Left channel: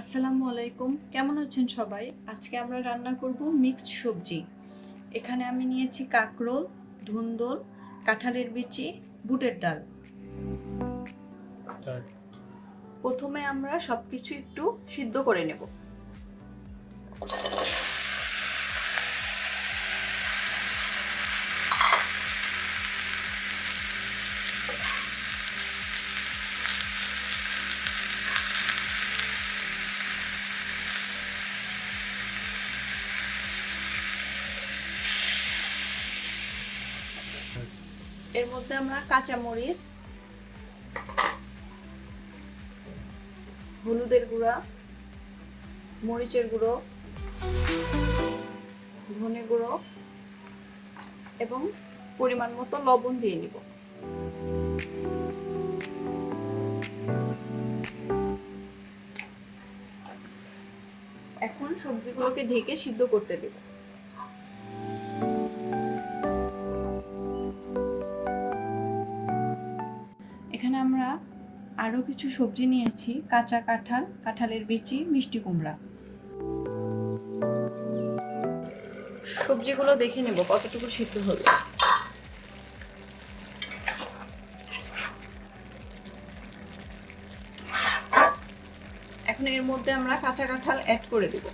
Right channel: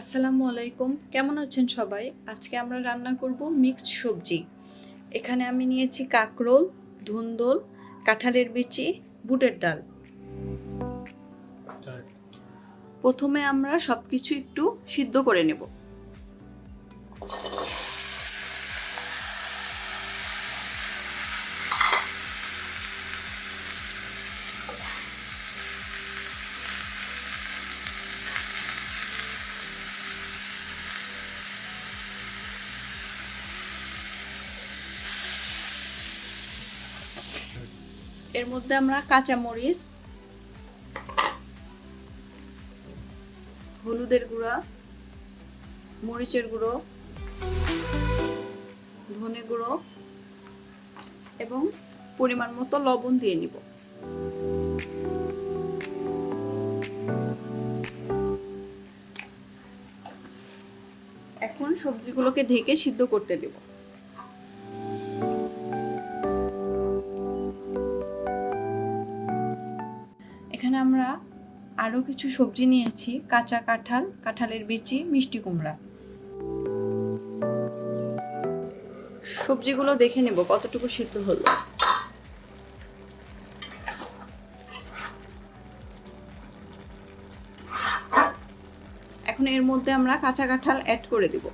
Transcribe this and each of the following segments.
আসসালামু আলাইকুম। কেমন আছেন সবাই? আজকে আমরা রান্না করব মিক্সড সবজি। এখানে আমি নিয়েছি কাকরোল ধুন্দল কাঁঠালের বিচি বুটের ডাল। প্রথমে আমরা সব কিছু একটু সিদ্ধ করে নেব। এর মধ্যে আমরা কাঁচা মরিচ হলুদের গুঁড়া, মরিচের গুঁড়ো, ধনে গুঁড়ো এবং পরিমাণ মতো লবণ দিয়ে নিব। এখন সবজিগুলোকে ঢেকে সিদ্ধ করতে দেব। আরও কিছু সবজি নিয়েছি, কাঁচা কাঁঠাল, কাঁঠালের বিচি, মিষ্টি কুমড়া। সবজিগুলো দেখে নেব, কতটুকু সিদ্ধ হলো। এখন এর মধ্যে আমরা কাঁচা কাঁঠাল অ্যাড করে দেব।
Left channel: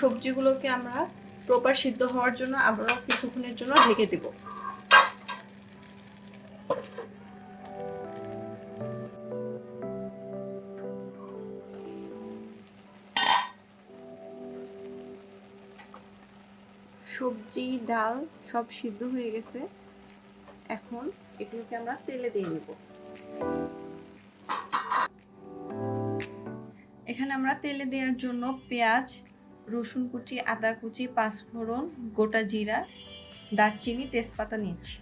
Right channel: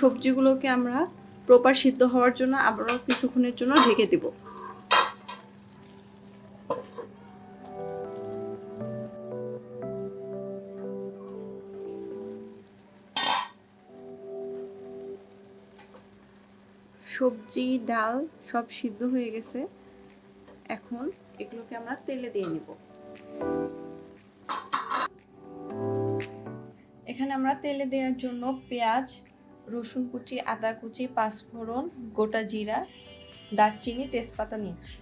সবজিগুলোকে আমরা প্রপার সিদ্ধ হওয়ার জন্য আবারও কিছুক্ষণের জন্য ঢেকে দেব। সবজি, ডাল সব সিদ্ধ হয়ে গেছে। এখন এগুলোকে আমরা তেলে দিয়ে নেব এখানে আমরা তেলে দেওয়ার জন্য পেঁয়াজ রসুন কুচি আদা কুচি পাঁচফোড়ন গোটা জিরা দারচিনি তেজপাতা নিয়েছি।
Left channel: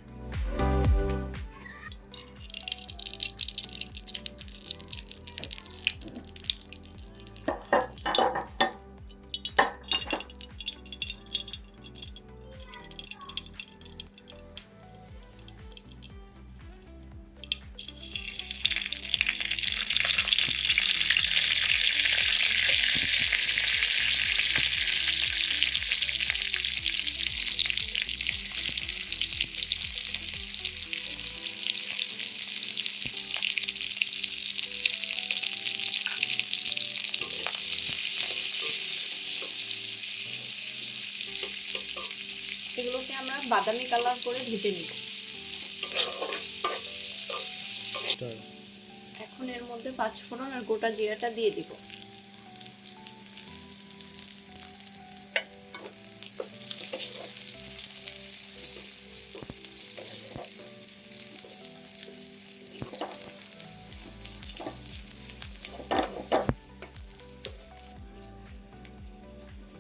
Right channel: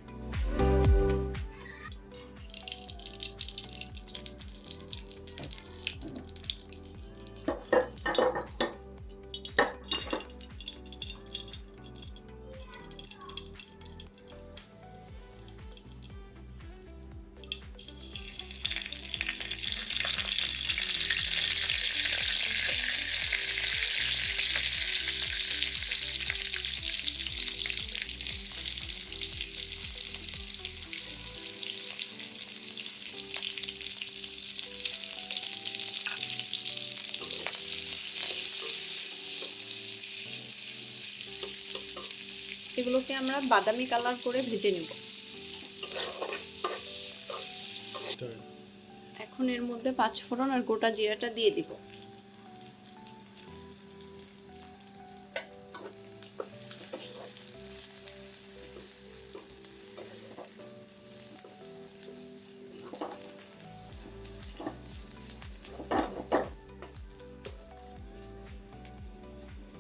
এগুলোকে আমরা বাদামি কালার করে ভেজে নিব। এখন এর মধ্যে পাঁচ ফোড়ন আর গোটা জিরাটা দিয়ে দিব।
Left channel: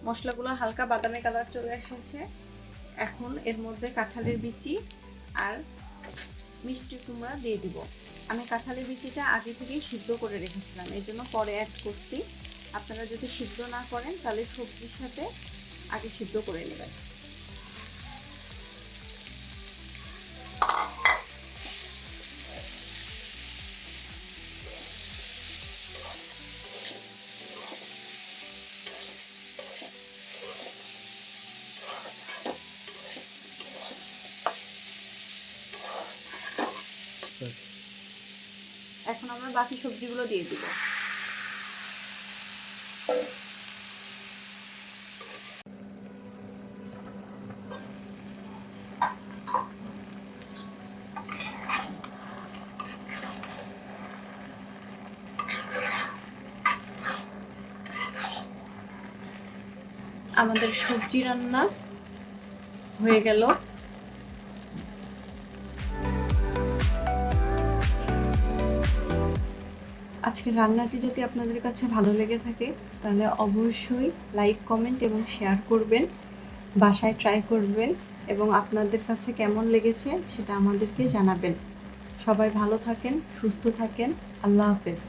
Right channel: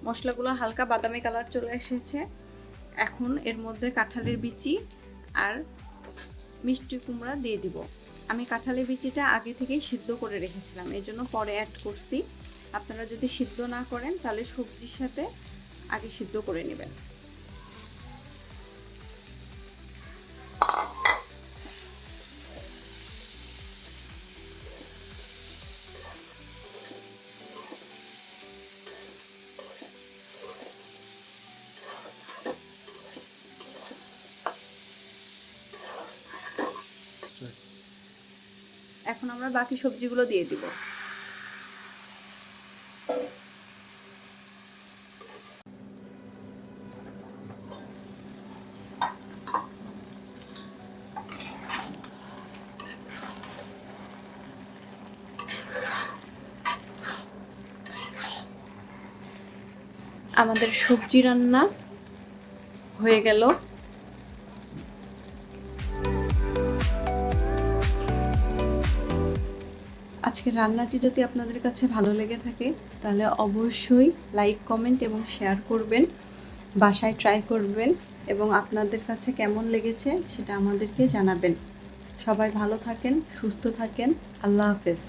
মশলাগুলো হালকা বাদামি কালার চলে এসেছে। এখন এর মধ্যে কাঁঠালের বিচি আর মিষ্টি কুমড়া দিয়ে দিব। আমি কাঁঠালের বিচিটা আগে থেকে সিদ্ধ করে রেখেছিলাম এই জন্য পরে অ্যাড করছি। আপনারা যদি সিদ্ধ না করেন, তাহলে সবজির সাথে আগে সিদ্ধ করে নেবেন। এখন আমরা বাকি সবজিগুলো দিয়ে দিব। আমাদের সবজি রান্না হয়ে গেল। আজকের রান্নাটি যদি আপনাদের কাছে ভালো লেগে থাকে, তাহলে অবশ্যই লাইক কমেন্ট এবং শেয়ার করবেন, বাসায় ট্রাই করবেন এবং আপনাদের কাছে কেমন লেগেছে সেটা আমাদেরকে জানাবেন। সবাই ভালো থাকেন, সুস্থ থাকেন, আল্লাহ হাফেজ।